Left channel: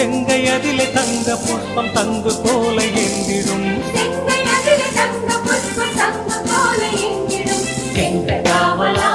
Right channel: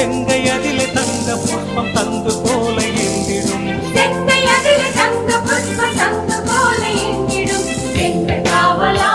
செங்கையதிலே தங்க புஷ்பம் தங்கு போல எந்திடும் செங்கையதிலே தங்க புஷ்பம் தங்கு போல எந்திடும் செங்காவலா